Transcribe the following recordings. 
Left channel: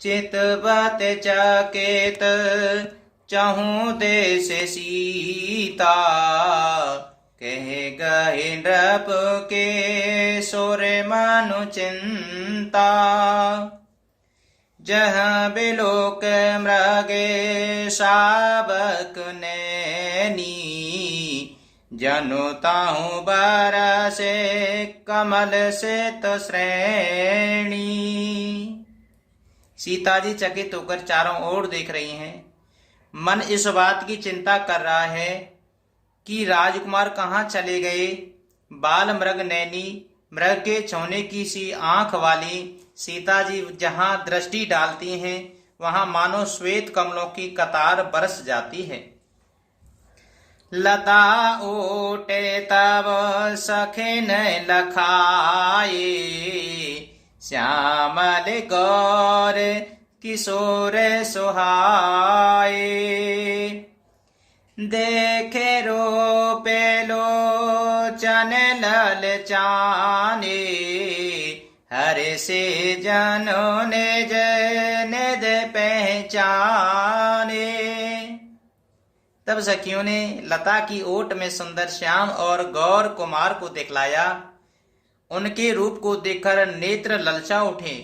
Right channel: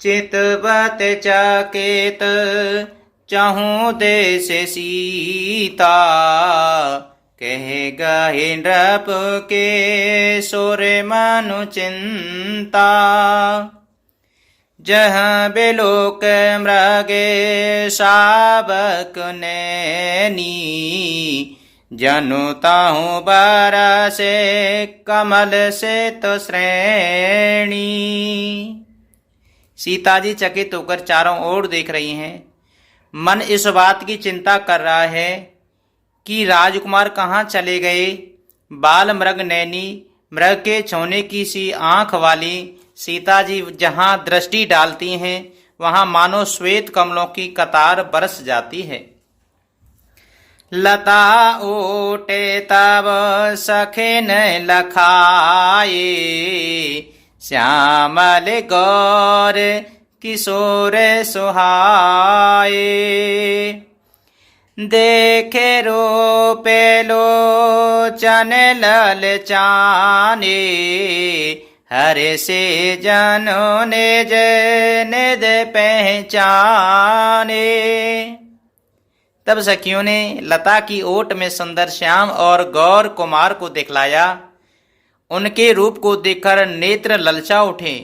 चितवत चकेत चहु देश सीता। कह गहे नृप के सुर मनु चिंता। जहाँ बिलोक मृगे शावक नैनी। जनु ताहु बारा से कमल से तो श्रेणी। सीता जी चकित होकर चारों ओर देख रही हैं। मन इस बात की चिंता कर रहा है कि राजकुमार कहाँ चले गए। बाल मृग नैनी, मृग के छौने की सी आंख वाली सीता जी जहाँ दृष्टि डालती हैं वहाँ मानो श्वेत कमलों की कतार बरस जाती है। लता ओटे तब सखे न लखाए। श्यामल गौर किशोर सुहाए। देखे रूपे लोचन ललचाने। हरे से जनों ने निध पहचाने। तब सखियों ने लता की ओट में सुंदर श्याम और गौर कुमार को दिखलाया। उनके रूप को देखकर नेत्र ललचा उठे।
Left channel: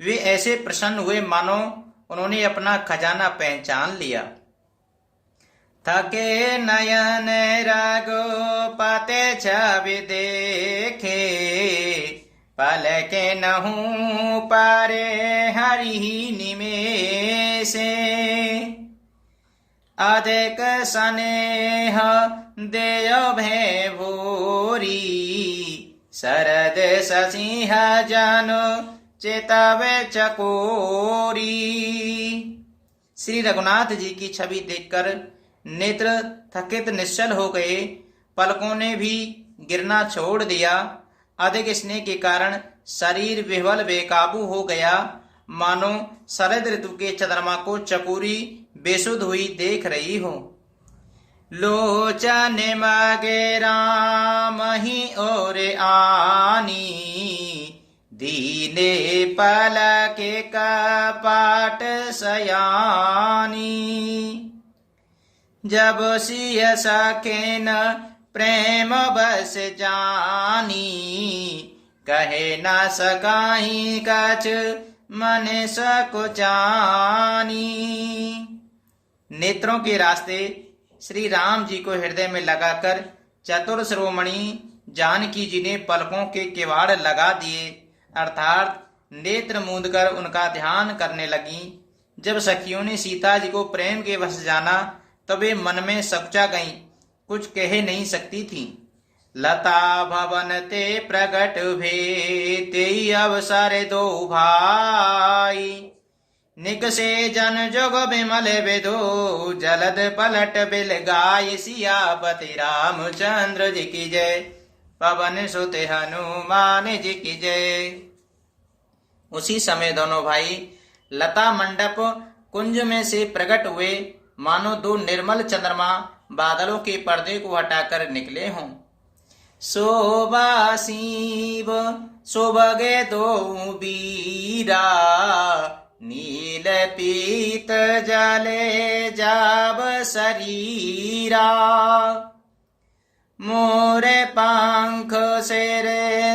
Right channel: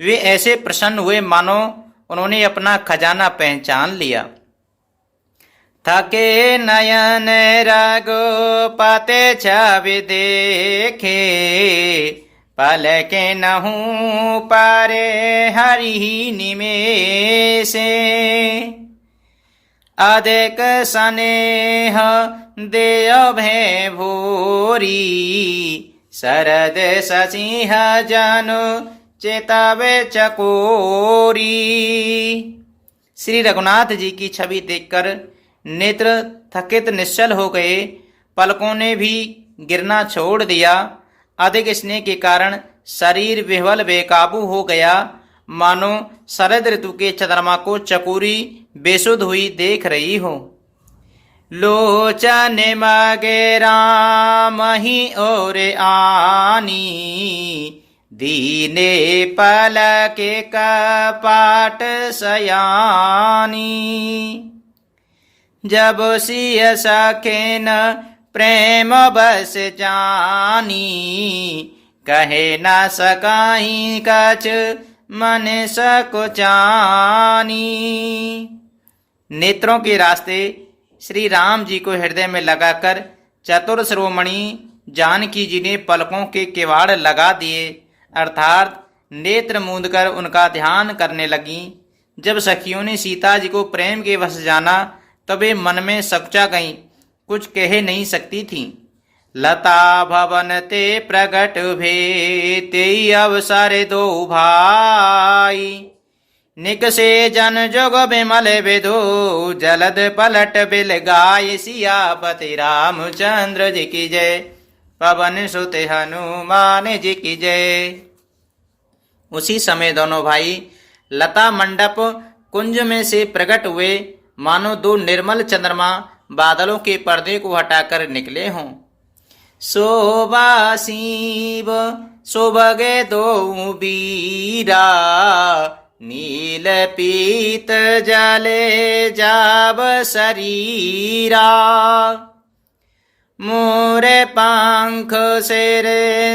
वे ऐसे प्रसन्न हुए मानो उन्होंने अपना खजाना पहचान लिया। थके नयन रघुपति छवि देखे। पलके नहूं पारे हरि निमेषे। अधिक स्नेह देव भय भूरी। शरद शशिह जनु चेतवे चकोरी। श्री रघुनाथ जी की छवि देखकर नेत्र थकित निश्चल हो गए। पलकों ने भी गिरना छोड़ दिया। अधिक स्नेह के कारण शरीर विह्वल बेकाबू हो गया। मानो शरद ऋतु के चंद्रमा को चकोरी बेसुध हुई देख रही हो। लोचन मगे राम ही और आनी। दीने पलके कपाट सयानी। जब सिय सखेन प्रेम बस जानी। कहे न सकाही कछ मन सकुचानी। नेत्रों के रास्ते श्री राम जी को हृदय में लगाकर चतुर शिरोमणि जानकी जी ने पलकों के किवाड़ लगा दिए, अर्थात नेत्र मूंदकर उनका ध्यान करने लगी। जब सखियों ने सीता जी को प्रेम के वश जाना तब वे मन में सकुचा गईं, कुछ कह नहीं सकती थीं। लता भवन ते प्रगट भे ते अवसर दो भाई। निकसे जन जोग बिमल विधो जलद पलट बिल गाय। सियापति रामचंद्र जी की जय, पवन सुत हनुमान जी की जय। उसी समय दोनों भाई लता मंडप कुंज में से प्रकट हुए, मानो दो निर्मल चंद्रमा बादलों के पर्दे को हटाकर निकले हों। शोभा शिव शोभगे दो बीरा। नील पीत जले जाब शरीरा। मोरे पंख सिर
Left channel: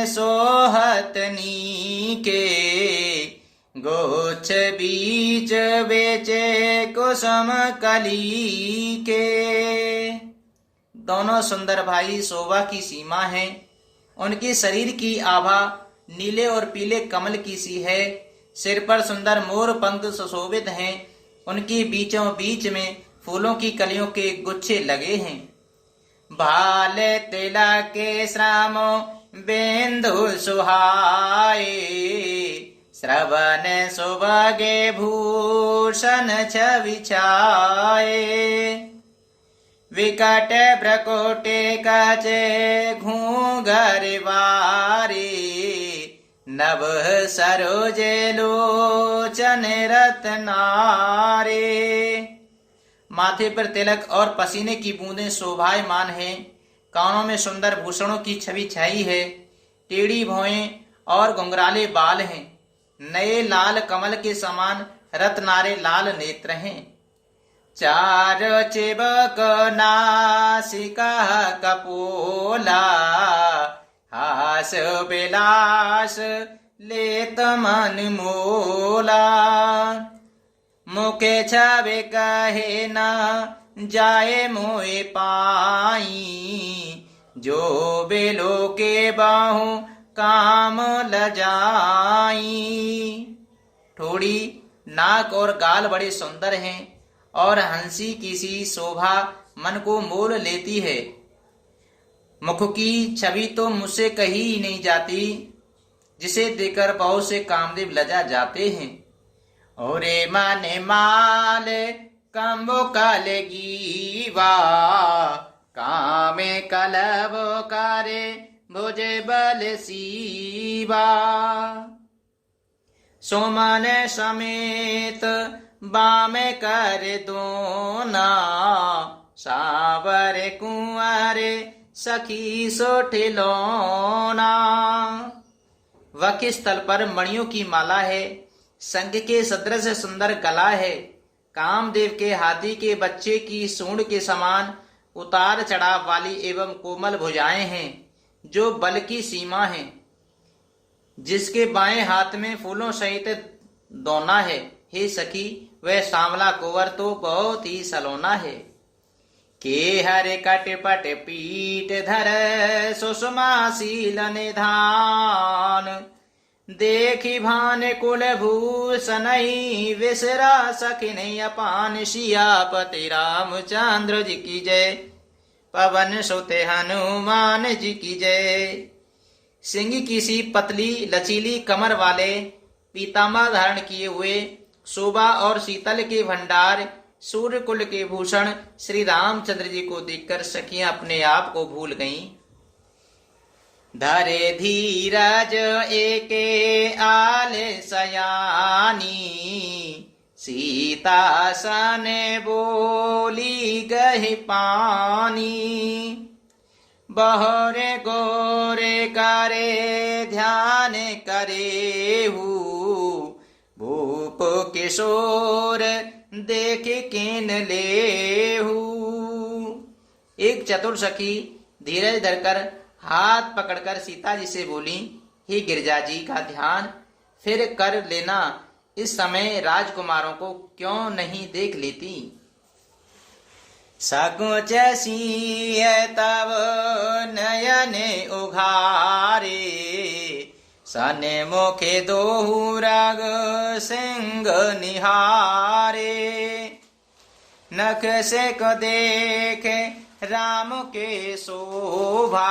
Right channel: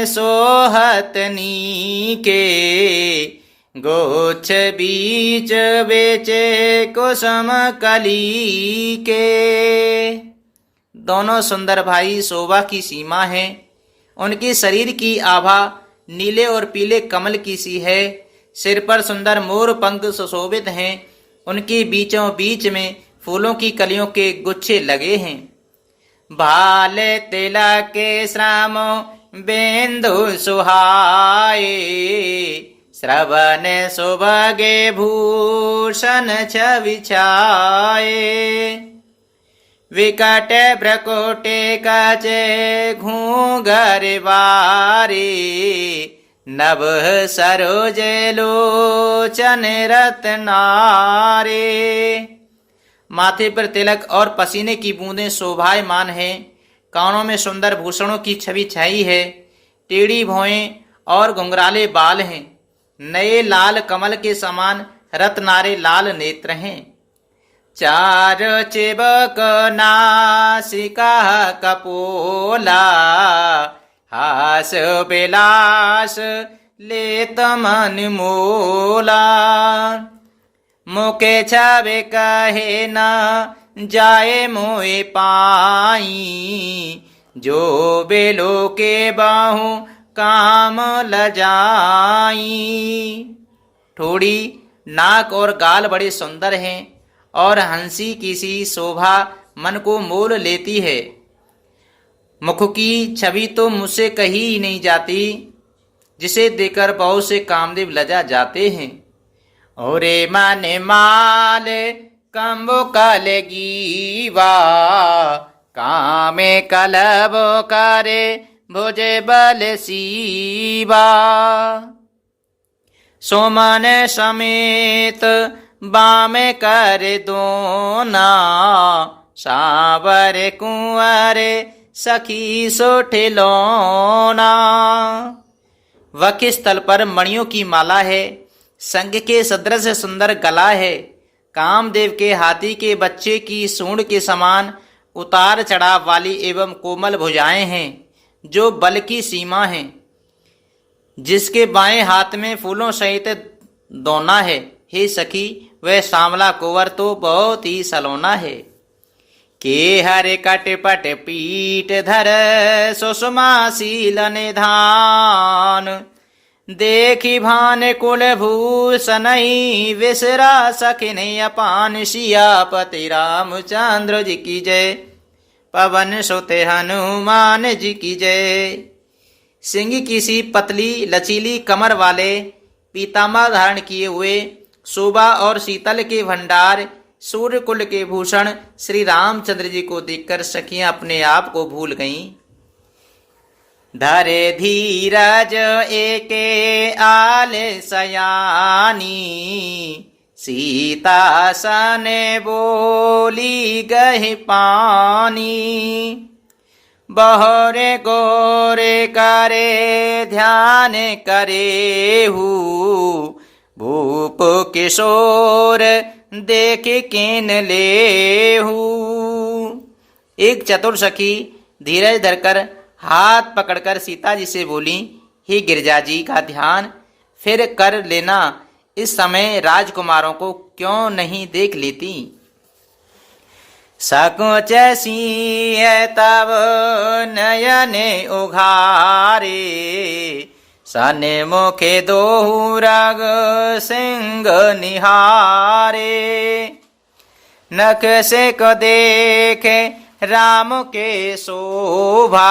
सोहत नीके। गोछ बीच बेचे कुसुम कली के। दोनों सुंदर भाई शोभा की सीमा है। उनके शरीर की आभा नीले और पीले कमल की सी है। सिर पर सुंदर मोर पंख सुशोभित हैं। उनके बीचों बीच में फूलों की कलियों के गुच्छे लगे हैं। भाल तिलक के श्राम बिंदु सुहाए। श्रवण सुभगे भूषण छवि छाए। विकट भ्रकुटे कचे घूंघर वारे। नभ सरोज लोचन रत्नारे। माथे पर तिलक और पसीने की बूंदें शोभायमान हैं। कानों में सुंदर भूषणों की छवि छाई है। टेढ़ी भौएं और घुंघराले बाल हैं। नए लाल कमल के समान रत्नारे लाल नेत्र हैं। चार चिबक नासिका कपोला, हास विलास लेत मन मोला। मुके छावे कहे न जाए मोए पाई, जो बेलो के बाहु काम लजाई। ठोड़ी, नाक और गाल बड़े सुंदर हैं और हंसी की सी शोभा मन को मोल लेती है। मुख की छवि तो मुझसे कही ही नहीं जाती, जिसे देखकर बहुत से कामदेव लजा जाते हैं। ओरे मन माल कम्बो कलगीवा, कामे कलब करे भुजे बल सीवा। सोमन समेत बामे कर दोना, सावर कुंवर सखी सोठिलोना। वक्षस्थल पर मणियों की माला है, संग के सदृश सुंदर गला है। कामदेव के हाथी के बच्चे की सूंड के समान उतार चढ़ाव वाली एवं कोमल भुजाएं हैं, जो बल की सीमा है। जिसके बाएं हाथ में फूलों सहित दोना है। हे सखी, वह सांवला कुंवर तो बहुत ही सलोना है। के हरे कट पट पीठ धर सुषमाशील निधान, देखी भान कुल भूषण विसरा सखिन अपान। सियापति रामचंद्र जी की जय, पवन सुत हनुमान जी की जय। सिंह की सी पतली लचीली कमर वाले, पीताम्बर धारण किए हुए, शोभा और शीतल के भंडार, सूर्य कुल के भूषण श्री रामचंद्र जी को देखकर सखियां अपने आप को भूल गईं। धरे धीरज एके आल सयानी, सीता सने बोली गहि पानी। बहरे गोरे करे ध्यान करेहू, भूप किशोर देख किन लेहू। एक चतुर सखी धीरज धरकर हाथ पकड़कर सीता जी से बोली, हे गिरजा जी का ध्यान फिर कर लेना, इस समय राजकुमारों को क्यों नहीं देख लेती। सकुच सिंह तब नयन उघारे, सने मुखे दोहु रग सिंह निहारे। नख से को देखे राम के शोभा,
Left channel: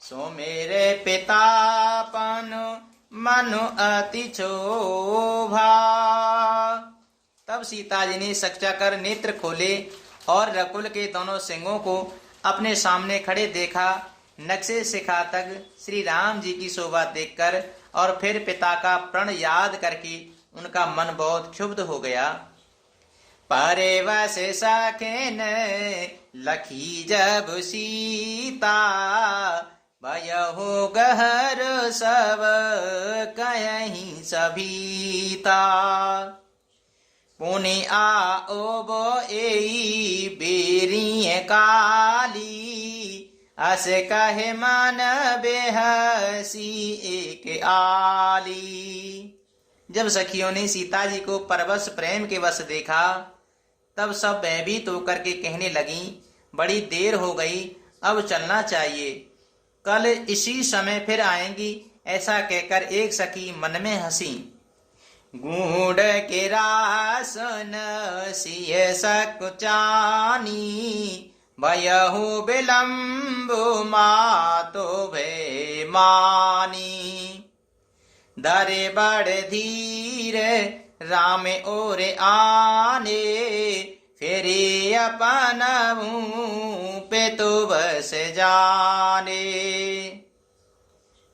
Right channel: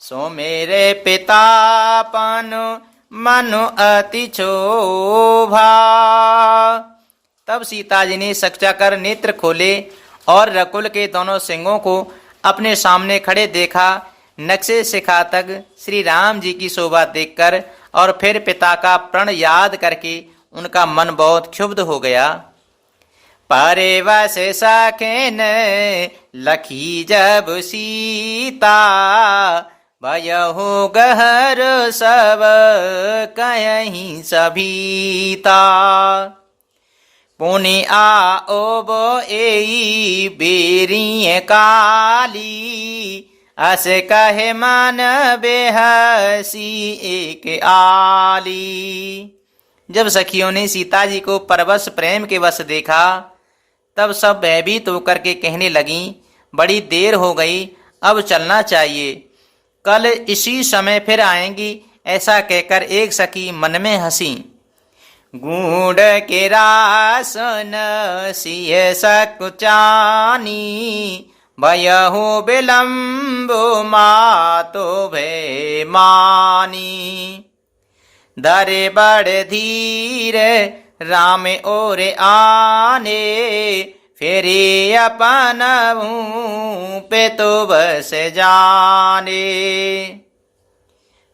सो मेरे पितापन मनु अति क्षोभा। तब सीता जी ने सक्चा कर नेत्र खोले और रकुल के दोनों सिंहों को अपने सामने खड़े देखा। नक्शे शिखा तक श्री राम जी की शोभा देखकर और फिर पिता का प्रण याद करके उनका मन बहुत क्षुब्ध हो गया। पारे वस सखेन लखी जब सीता, भयहु गहर सब कहीं सभीता। पुनि आओ बो एई बेरिय काली, अस कहे मन बेहसी एक आली। जब सखियों ने सीता जी को परवश प्रेम के वश देखा, तब सब भयभीत होकर के कहने लगी, बड़ी देर हो गई, अब चलना चाहिए, कल इसी समय फिर आएंगी। ऐसा कहकर एक सखी मन में हंसी। गूढ़ के रासन सिय सकुचानी, भयहु विलम्बो मातो भय मानी। धरे बड़ धीर राम और आने, फेरे अपन पे तो बस जाने।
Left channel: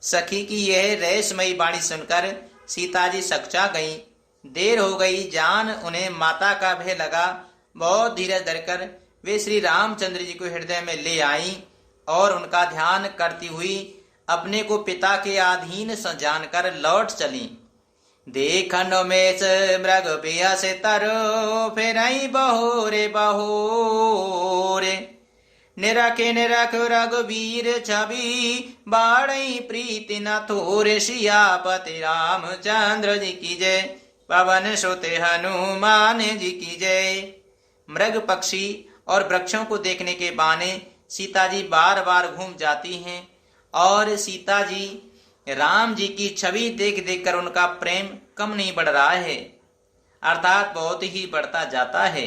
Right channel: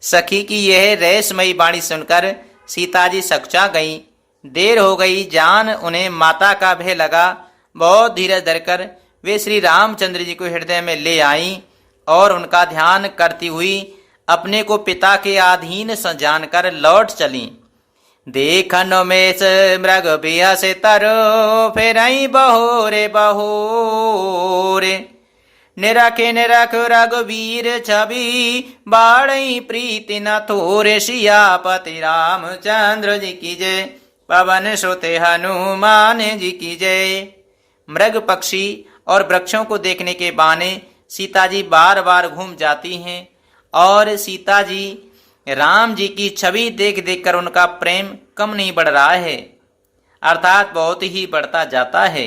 सखी की यह रहस्यमयी वाणी सुनकर सीता जी सकचा गई। देर हो गई, जान उन्हें माता का भय लगा। बहुत धीरज धरकर वे श्री रामचंद्र जी को हृदय में ले आईं और उनका ध्यान करती हुई अपने को पिता के अधीन जानकर लौट चलीं। देखन मेष मृग बिहस तरो फेरई बहोरे बहोरे। निरखे निरख रघुवीर छवि बाड़ई प्रीति न थोरे। सियापति रामचंद्र जी की जय, पवन सुत हनुमान जी की जय। मृग पक्षी और वृक्षों को देखने के बहाने सीता जी बार बार घूम जाती हैं और सीता जी राम जी की छवि देख देख कर उनका प्रेम कम नहीं बढ़ रहा है, अर्थात बहुत ही बढ़ता जाता है।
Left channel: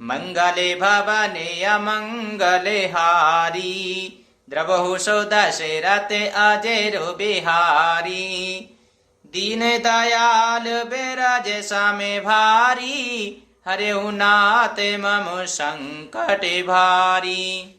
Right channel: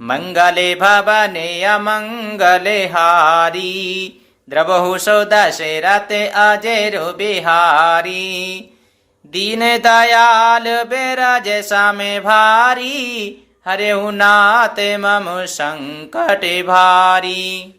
मंगले भवने अमंगले हारी, द्रवहु सो दशरथ अजय बिहारी। दीन दयाल बिरज सम भारी, हरे नाथ मम संकट भारी।